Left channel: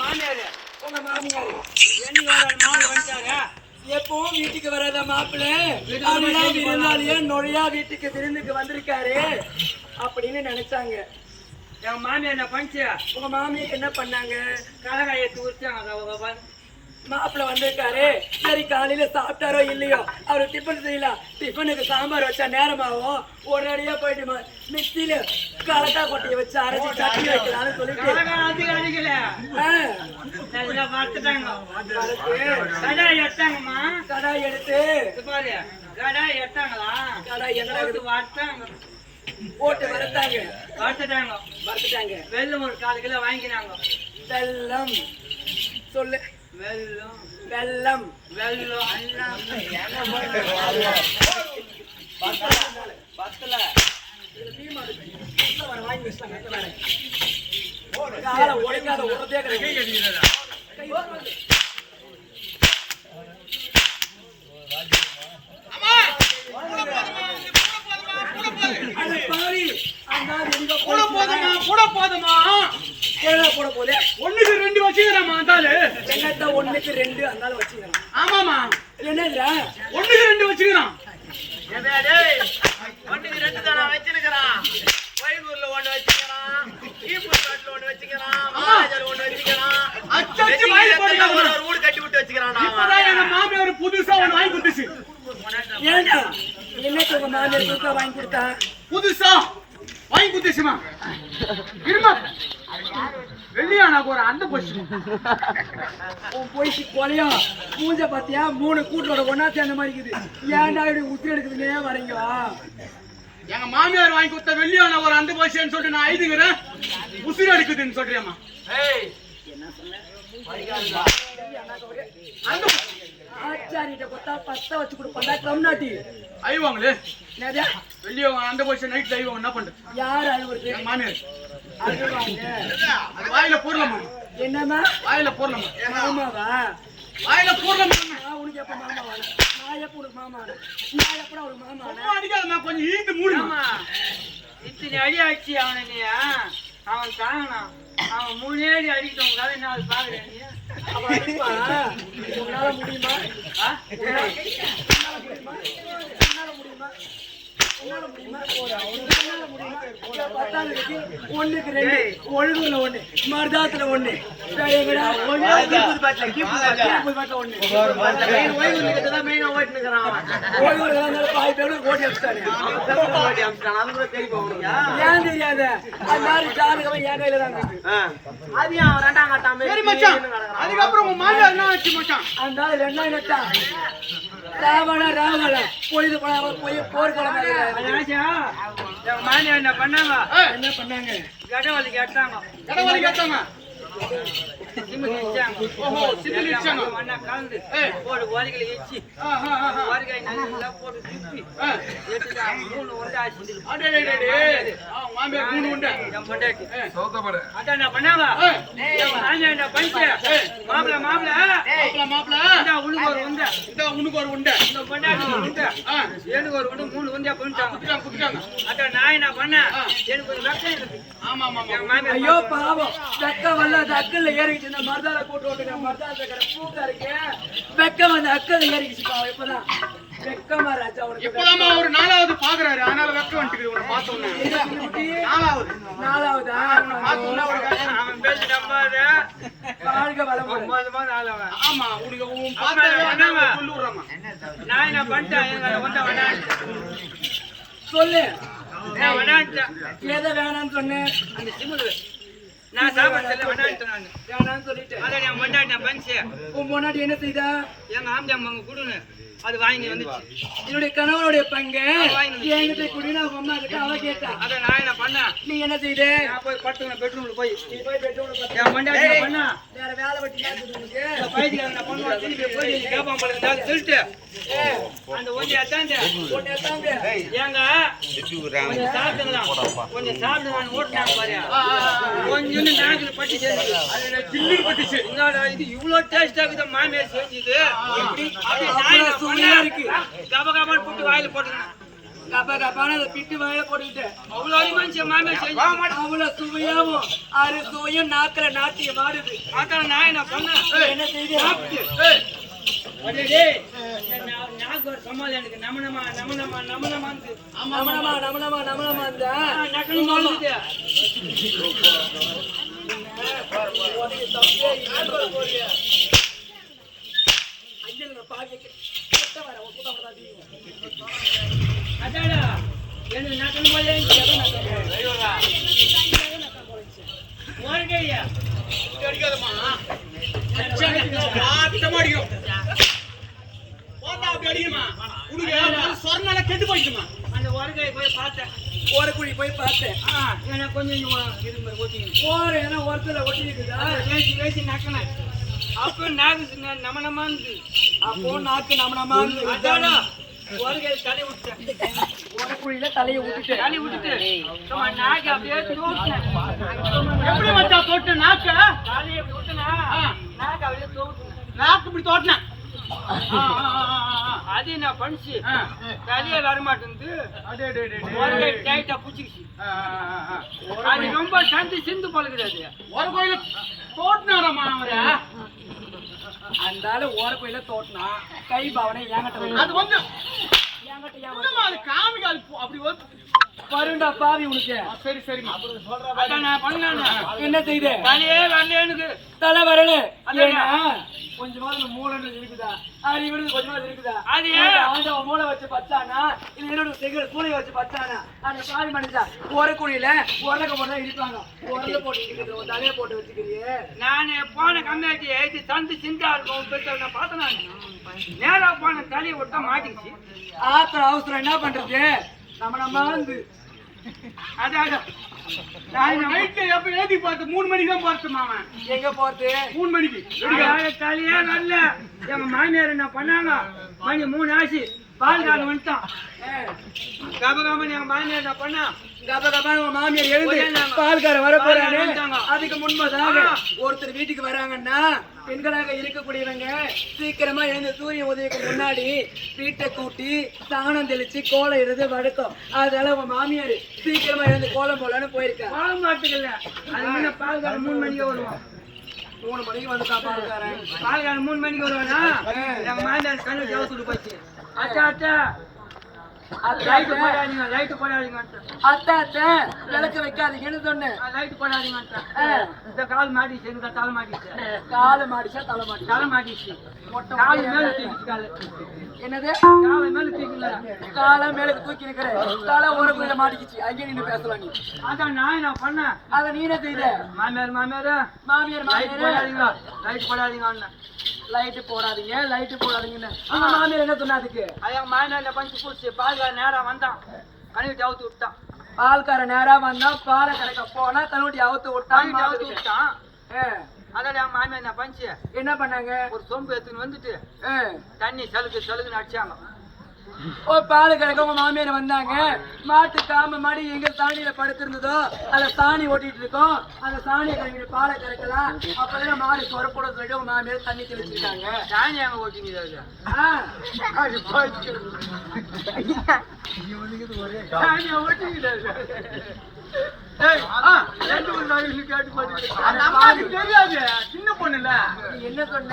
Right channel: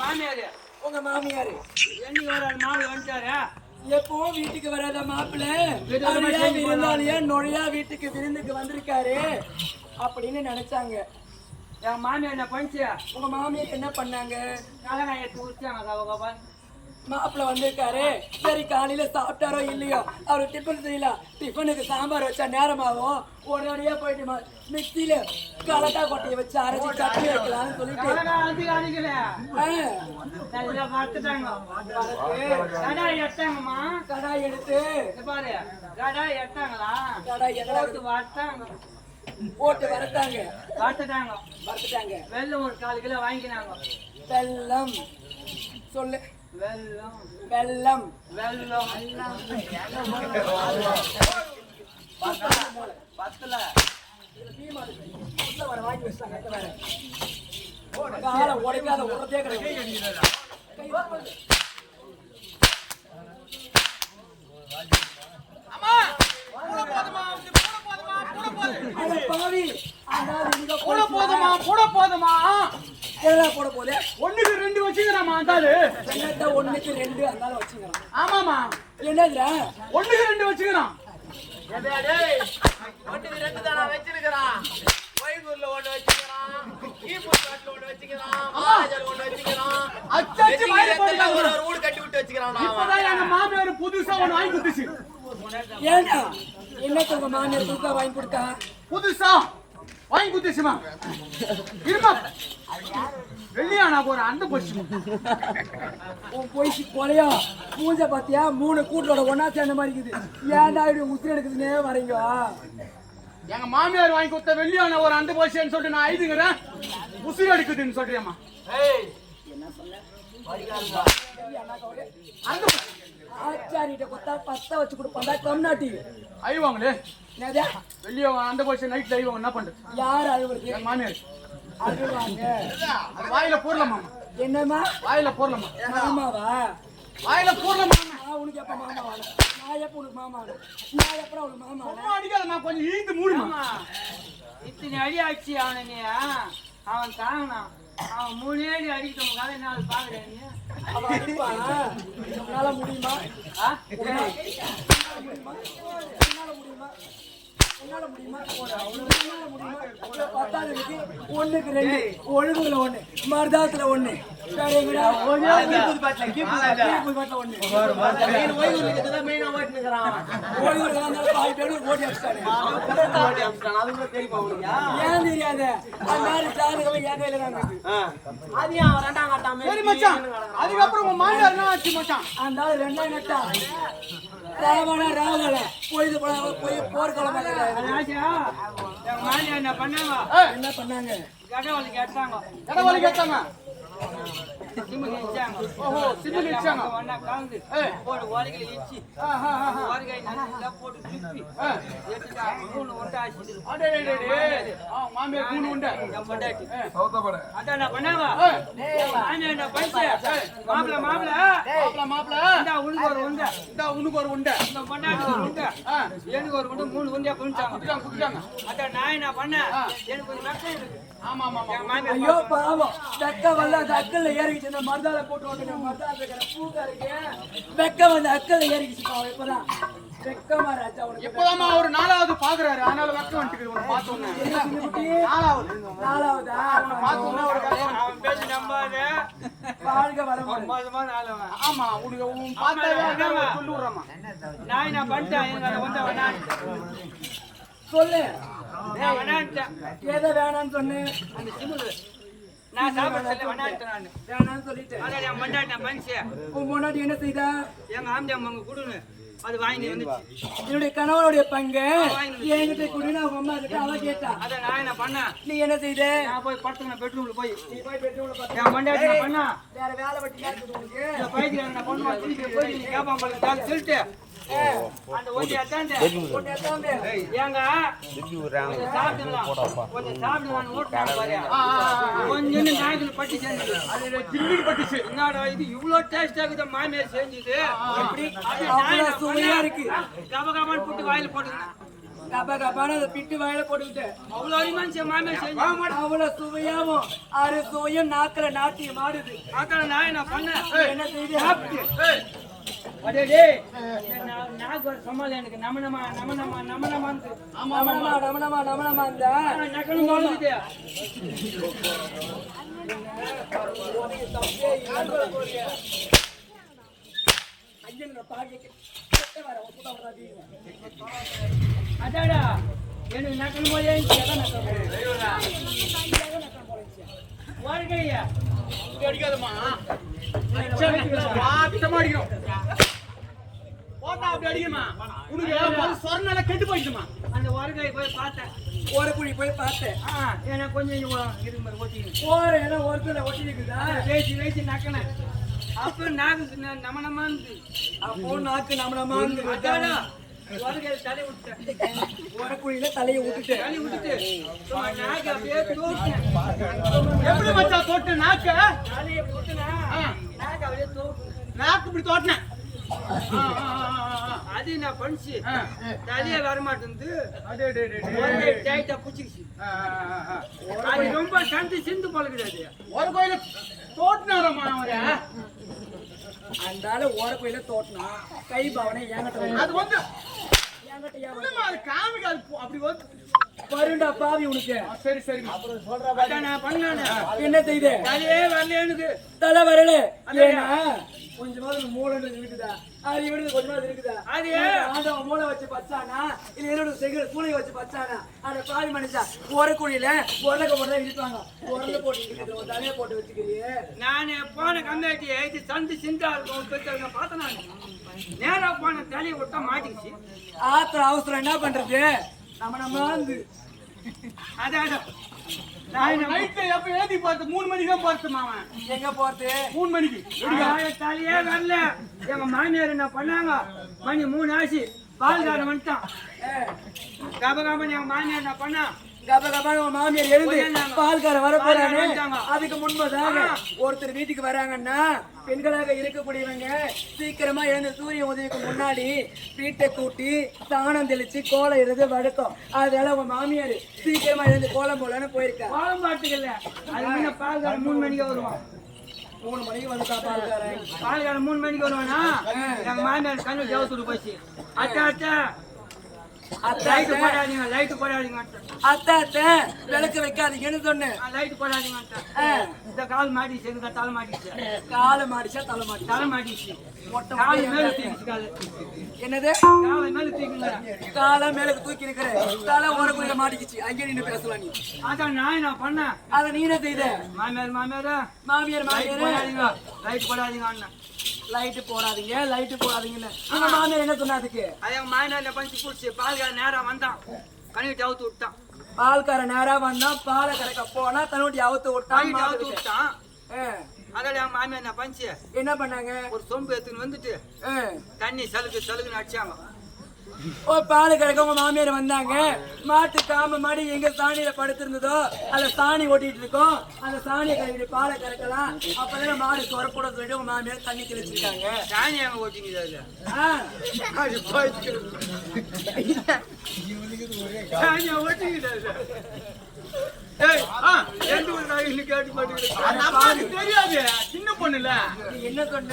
மாமியாரு உங்க மாமியாரு என்னைக்கு ஒரு மாமியார் வந்துட்டாரு. எப்பவும் வீட்டுக்கு வராத மாப்பிள்ளை விருந்தாளியே நுழையா வீட்டுக்கு விருந்துக்கு வந்திருக்காரு அப்படின்னு நினைச்சாங்க. என் மாமியார் என்ன பண்ணிச்சு? உங்க மாமியார் என்ன பண்ணாங்க? கலகாயை தூரிச்சாங்க. மாப்பிள்ள வந்திருக்காரு. சரி காலையில சாப்பிட்டாரோ இல்லையோ அவரு டிஃபன் செய்யலாம். டிஃபனுக்கு சாம்பார் வச்சா நேரமாகும். ஒரு அடியா போயிட்டு மிக்சியில கலக்கா கொட்டையை வச்சு அரைச்சி சட்னி வைக்கலாம்னு சொல்லிட்டு அடிக்கல நல்லா வறுத்துட்டாங்க. கடாய் எடுத்தாங்கம்மா. கடாய் எடுத்து பாரு கடாய் எடுத்தாங்களா? கடாய் என்ன வறுத்தாங்க. போட்டு வறுத்தாங்க. வறுத்துட்டாங்க. வெல்லம் ஒரு 4 கிலோ வாங்கினாங்க. வெல்லம் சொல்லு. வெல்லம் வெல்லம் வெல்லம் பத்தல வாங்கி வச்சாங்க. காலை உடைக்காத உடத்தே கிடையாது. போதுமா போட போதே 1க்கு 2 வச்சுக்கிறாமா அந்தாலு. என்னத்த 1க்கு 2 அந்தால வச்சுக்கிறான். ஆமாமா என்னதுடா 1க்கு 2 வச்சுக்கிறான். 1க்கு 2 தான வச்சிருக்கான். வைகூர்ல 1 வச்சிருக்கான். ஈபுட்ல 1 வச்சிருக்கான். மாஜர் 1 வச்சிருக்கான். அச்சச்சு வாயில போடுறாங்க. ஒரு ஊடு கட்டி விட்டு வச்சிருக்கான். இப்பதான் எங்க மாமியார் புதுசா 1 வாங்கி கொடுத்துச்சு. ஏண்டா என்னத்த உங்க மாமியார் புதுசா வாங்கி கொடுத்தா? புதுசா வாங்கி கொடுத்துச்சுமா. இருமா வெள்ளியானாக்கு ஒரு அந்த போச்சு. உன் போயிச்சு கொலையா பூஞ்சை பாத்தியா 3 கூட்டோட ஒன்னா சேர்ந்த மாதிரி இருக்குது. ஏன்டா இப்படி உத்திரி எடுக்குதுன்னே வரீங்க. எங்க மாமியார் வாங்கி கொடுத்த வெள்ளியான ஒரு அந்த போச்சுன்னு சொல்லிட்டு நான் ஐதுங்கிறேன். உசிறு எடுக்குதுன்னு சொல்றியம்மா. என்ன சொன்ன? ஆச்சாரிட்ட கொத்தா பத்த வச்சு கொடுப்பாண்டா கம்நாட்டி ஐவாங்களே. என்னதா வெள்ளியோ அந்த போச்சு நைட்ல ஐவாங்க என்ன பண்றது? யார் அழுவுறது? எங்க மாமியார். அது வாயில போடலாமா? என்னம்மா வாயில போடலாமா? மாமாவா? வாயில போடலாமா? உனக்கு எப்ப மாமா வாங்க? நான் எப்ப உனக்கு மாமா வாங்க? நான் எப்படா உனக்கு மாமா வாங்க? அடிக்காதம்மா கொஞ்சம் ஈத்து மூடுமா. இத்தனை அடி ஆச்சு அவனை. அவன் தாங்கனான். அவன் 3 அடி அடிக்கிட்டவங்க கதை என்ன பாக்குறேன் நீ? அவன் அடிப்பா. உன்னால முடியுமா? உன்னால முடியுமா? பத்தாவதுக்கு 1க்கு 2 ஒழுங்குல 1 மருதாத்துல 1 பாய் பேரு ஓடி அடிச்சானே. ஏன் தெரியாத அது மாதிரி ஜாதகம் என் கையில தான் இருக்கு. அதையும் அவன் 2ஆம் கட்டாம சரி மச்சான். அதுக்கப்புறம் உங்க மாமியார் என்ன ஆச்சு மச்சான்? அந்த 2ஆம் கட்டம் ராவணா ராவணா பொழுது போய் போர்க்களம் எங்க மாமியார் என்ன பண்ணாங்க? என்ன பண்ணாங்க? கடவுளை கேட்டாங்க. கடவுளை கேட்டாங்க. சிமிலி இச்சாங்க. ஓஹோ சிமிலி இச்சாங்க. ஒண்ணா கலந்து போட்டு ஓலைகளை இச்சி ஓரிகை நல்லா போட்டு துப்பி எடுத்துட்டா 3 உண்டை ஆச்சு. மாமியார் 3 உண்டை. என் பொண்டாட்டி அதான் என்ன பண்ணாங்க? என் மாமியார் என்ன பண்ணிச்சு? மாப்பிள்ள இந்தா உனக்கு ஒரு உண்டை. இந்த பொண்டாட்டி ஒரு உண்டை. எனக்கு ஒரு உண்டை 3 உண்டையா பண்ணிட்டாங்க. அதான் நான் என்ன பண்ணேன்? எனக்கு ஒரு வெக்கம் இருக்கு. ஆமா ஆமா என் மாமியார் ஐயோ பாவம் வெக்க வரல. அந்த அக்கல்ல ஏறிக்கிச்சு. இந்த மருதால போட்டு வந்துருக்க மருதால இருக்கிற பூக்கா இருக்கு. வெக்க வந்து அக்கல்ல ஏறிக்கிச்சு பாவம். இப்பதான் வெக்கமா ராஜா உனக்கு. இப்பதாம்மா ஒரு 4வது பாக்குறாரு. அதனால வெக்க வந்துட்டு உன்னை பார்த்த உடனே 4வது அவனை பார்த்த உடனே அவன் பேசி நம்பாத. வாழ்க வளமுடன். ஆமா உனக்கு உன் பார்த்தா சொல்லி விடுறமா. நான் என்ன பண்ணிட்டேன்? எங்களை கொண்ட வேணான் சொல்லு. நான் வேணான்ட்டேன். எதை வேணான்னு சொன்னேன்? அந்த சிமுலு நான் சாப்பிட்டதில்ல வேணான்ட்டேன். நான் வேணான்னு சொல்லிட்டேன். அதான் என் பொண்டாட்டி நான் பண்ணிச்சு. உன் முன்னாடி என்ன செய்தா? எங்க ஆம்பி அம்மா அங்க கொடுன்னு அது வாங்கி வந்துச்சு. என்னுடைய கணவனுடைய பங்கு என்கிட்ட குடி. நான் அம்மா கிட்ட அவ கேட்டா. அதான் நான் என்ன பண்ணேன்? நீ என்ன செய்த? நான் போய் படுத்துக்கின பெட்ரூம்ல போய் நீ போய் பெட்ரூம்ல படுத்து. என் பொண்டாட்டி என்ன பண்ணா? வேற வேலை வெட்டி நடக்குது உனக்கு. இந்த பைத்தியம் நான் பண்ணுவா திருப்பி போய் கேப்பான் பழம் சொல்லிட்டு அந்த ஒன்றை அத்தாண்ட ஒண்ணே தாங்க. ஏங்க கொஞ்சம் சாப்பிட்டுங்களாம். கொஞ்சம் சாப்பிடுங்கன்னு ஓட்டினாங்க பாரு. கொஞ்சம் நாக்குல பட்டு செஞ்சு அதுல தில்லு பட்டுச்சு. என்னடா இது இவ்வளவு டேஸ்டா இருக்குது மாமியார் செஞ்சது. அப்படி நான் என்ன சுவையா பண்ணேன்? இருக்கு. கபகபான்னு போட்டு வாயில போட்டுக்கணும். கப்ப கப்பான அதை பிட்டு வாயில போட்டுக்கிட்டு அவ்வளோ அடிமாச்சு மாமியார் செஞ்சு அவ்வளவு சுவையாவும் அறு சுவையும் நாக்குல நாட்டியம் ஆடுது. ஆக்கா நான் என்ன பண்ணேன் என்ன செய்து நாக்கு ஒரு சமாளம் எனக்கு நமனமா நமனமா அந்த நக்கலும் சொல்லுது அதாடா எனக்கு நக்கல் போல வருகையா இப்படி அடிக்காதம்மா. வாத்தமா அடிக்கும். போட்டா அப்படி அடிக்குமா? உனக்கு சொர்ணால கெட்டு போயிடுமா? அந்த வருகை போய் பார்த்தேன் ஓரக்குழி போய் பார்த்தேன். எனக்கு கொஞ்சம் விரும்புற ஓட்டிங்க போற இடம் ஒருத்தர ஒட்டி இருக்குதா? வேசி நக்கினேன் அப்போ நாக்கு நமனமா இருந்து அப்போ நாக்கு நமனமா இருந்து அதாடா வருகை தலை விட்டேன் ஓரக்குழியில தலையை விட்டுட்டு தலை விட்டுட்டு சும்மா நாக்கு அப்படியே தூக்கினேன் எப்படி மச்சான் தோட்ட நாக்க? தலையை அப்படி விட்டுனா நாக்கு அப்படியே தூக்கினேன் நாக்கு இப்படி தோட்டினேன். அது நான் பண்ணிச்சு தலையே வரமாட்டேங்குது அடே டே டே. வருகை டைட்டா புடிச்சிக்கிச்சு அது ரொம்ப சந்தி சிந்து பழகுது அது ஒரு கோயில தோட்டினாரம்மா அவரு. அந்த ஆளு ஓரக்குழியில தோட்டினா கை பாவனை ஏங்கட்ட அது வந்து ஏங்கட்ட என்னம்மா அது காமிக்காது அப்படி வந்து வருண்டா பாவி உனக்கு. சரி சரிம்மா. அதான் நான் பண்ணானே என்ன செய்த? தலையே வரல எனக்கு தலை வரல. அதான். ஏன்னா கொஞ்சமாவது மூளை இருக்குதா? இவனுக்கு கொஞ்சமாவது இருக்குதா? அது ஆண்டவன் மூளை வச்சு பச்சானா இல்ல என்னோட செகண்ட் சூளை வச்சு பச்சானா? அந்த பாவி மனுஷா ஓரக்குழியில உரக்க போட்டு இடிப்பாங்க. உரல போட்டு இடிக்கிறது ஒரு தலையை போட்டு வச்சுக்கிறியே. நான் போன கம்மியாட்டி இது சந்து சிந்தா இருக்கும் பெற்ற நான் பார்த்தேன் நான் நேரா போன தலையை விட்டா மாட்டிக்கிச்சு ஆத்திரம் அவசரம் என்ன பண்றது? நம்ம வந்து அதான் நைட்ல எப்ப ஏத்தி பார்த்து 3 மணிக்கு தான் பார்த்துமா அவன். எங்க போறது? 3 மணிக்கு. தலையே வரல எங்க மாமியார் என்ன பண்ணாங்க மணி 3 ஆச்சு பால்காரன் வந்துட்டான் கபகாமன் எங்க மாமியார் என்ன பண்ணா கப கபான மாமியார் எழுந்து பால்கார வர போறாரு. அதுக்கு முன்பதாக ஒருத்தர் வீட்டுக்கு வராங்கன்னா பெண்களாக இருக்கக்கூடியவங்க சீக்கிரமா எழுந்து சூரிய உதவிக்கு முன்னாடி வீட்டை கூட்டி சாணம் தெளிச்சு கோலம் இடுறது வழக்கம். அதனால உங்க மாமியார் சீக்கிரமா எழுந்து கோலம் போலன்னு போயிருக்கா. கோலம் பாட்டுக்கல அது முன்ன பால்காரன் 3 மணிக்கு வருவான் 3 மணிக்கு வந்துட்டா பால்காரன். பால்காரன் 3 மணிக்கு வருவானா எங்க மாமியார் கண்ணு ஜவுத்துட்டு போச்சு அத்தா அத்தா லைட்டு போடாதீங்க லைட்டு போடாதீங்க அத்தா அத்தா விளக்கு வைக்காதீங்கன்னு சொன்னேன். லைட்டு போடாதீங்க இந்த கால் மாட்டிச்சு எங்க தலை மாட்டிச்சு காலை மாடிச்சா தலை மாடி தலை மாட்டிச்சு மொட்டை கால் மேல தூக்கிச்சு காலு என்னது? காலை மேல தூக்கிங்க காலை மேலுக்கு தூக்கி நிக்கிறேன். தலை ஓரக்குள்ள மாட்டிக்கிச்சு. அங்கே நின்று பேசலாம் நீ. அதான் நான் என்ன பண்ணேன் அத நீ என்ன செய்த? மாமியார் மாமியார் லைட் போடாதீங்க லைட் போடாதீங்க அண்ணன் லைட்டு போடாதீங்க லைட்டு போடாதீங்கன்னு உங்க மாமியார் என்ன சொன்னா? அதுக்கு எங்க மாமியார்ல பஞ்சு பூச்சி பால்கார நேரம் வந்தான் கணிட்டு அவுத்து விட்டான் பால்கார நேரா வந்தா பாலை கடைக்க போனா கண்ணுட்டி அவுத்து கணிட்டு அவுத்து விட்டான். விட்டான் அதால எங்க மாமியார் என்ன பஞ்சு என்ன பண்ணாங்க? ஒரு சொம்பு எடுத்துன்னு வந்துட்டு தண்ணி சலுக்குன்னு அடிச்சாங்க. ஓ பால் கடைக்க உங்க மாமியார் வந்தாங்க. மாட்டு காம மாடி எங்க சாணியில படுத்திருந்ததோ அதுல சாணி ஓட்டிட்டு இருக்கோம். அந்த சாணியை கழிவு பாலை கரைக்கலாம். அப்பதான் மாடு சொரப்பட சொல்லிட்டு உங்க மாமியார் தண்ணி தெளிச்சிருக்காங்க. சாணி அங்க ஓட்டிங்க அதுல சாணியை ஓட்டிங்க தெரியாது சின்ன பொண்ணுல. நீ என்ன சொன்ன?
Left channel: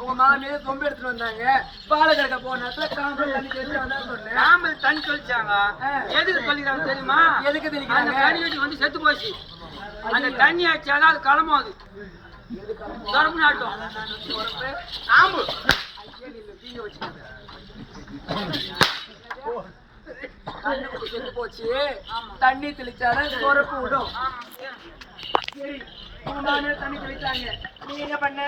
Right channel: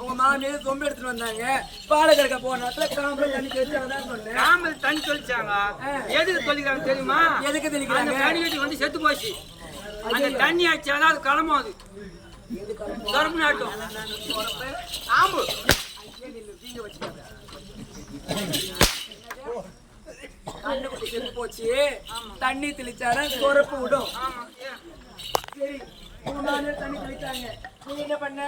உங்க மாமியார் சொம்பு எடுத்துட்டு வந்தாங்க. பாலை கடைக்க போன நேரத்துல காம்பல் தண்ணி தெளிச்சு வந்தாங்க சொன்னேன். காம்பல் தண்ணி தொளிச்சாங்க எதுக்கு தொளிக்கிறாங்க தெரியுமா? எதுக்கு அந்த தெளிக்கிறாங்க? கனிவெட்டி வந்து செத்து போச்சு. அந்த தண்ணி அடிச்சாதான் அது கிளம்பும். அது சொரப்பு நாட்டும் ஆம்பு கண்ணுக்குட்டி செத்து போச்சு. தண்ணி தெளிச்சால சொரப்பு விடும். சரி உங்க மாமியார் தண்ணி தெளிச்சாங்க. நீ என்ன பண்ண?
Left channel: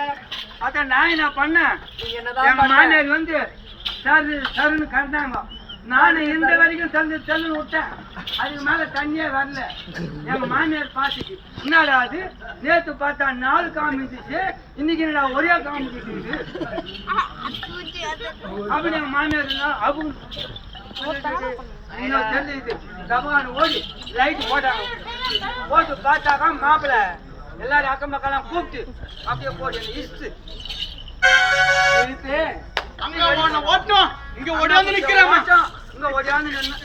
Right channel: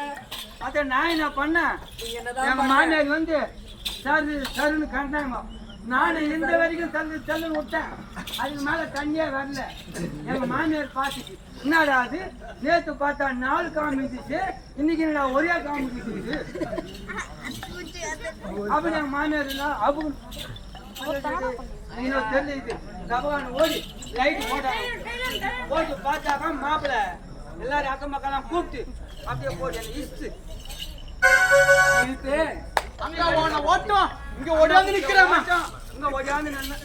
அத நான் என்ன பண்ணேன்? நீ என்னதான் எங்க மாமியார் வந்து சருன்னு கண்டாங்க. நானும் இந்த வரைக்கும் தள்ளுன்னு விட்டேன். அதுக்கு மேல தண்ணியே வரல. எங்க மாமியார் பார்த்துச்சு என்னடா அது நேத்து பார்த்தா 4 காமிச்சு இன்னைக்கு என்னடா ஒரே காமிச்சு அப்படி எங்க மாமியார் அவங்க தெரியுது கபகான ஓடி லைட் போட்டாங்க. போட்டு பார்த்தாக்கா மாப்பிள்ள எல்லாரும் அக்கம் பக்கம் கூப்பிட்டு அப்படியே போட்டு இஸ்து இழுத்து அங்க ஓட்டம் இங்க ஓடாந்து நிக்கிறேன். இங்க ஓடியாந்து நின்னு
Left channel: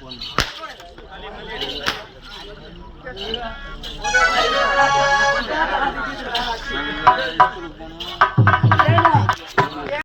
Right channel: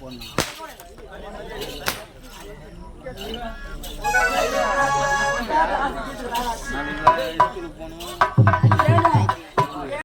போனோம்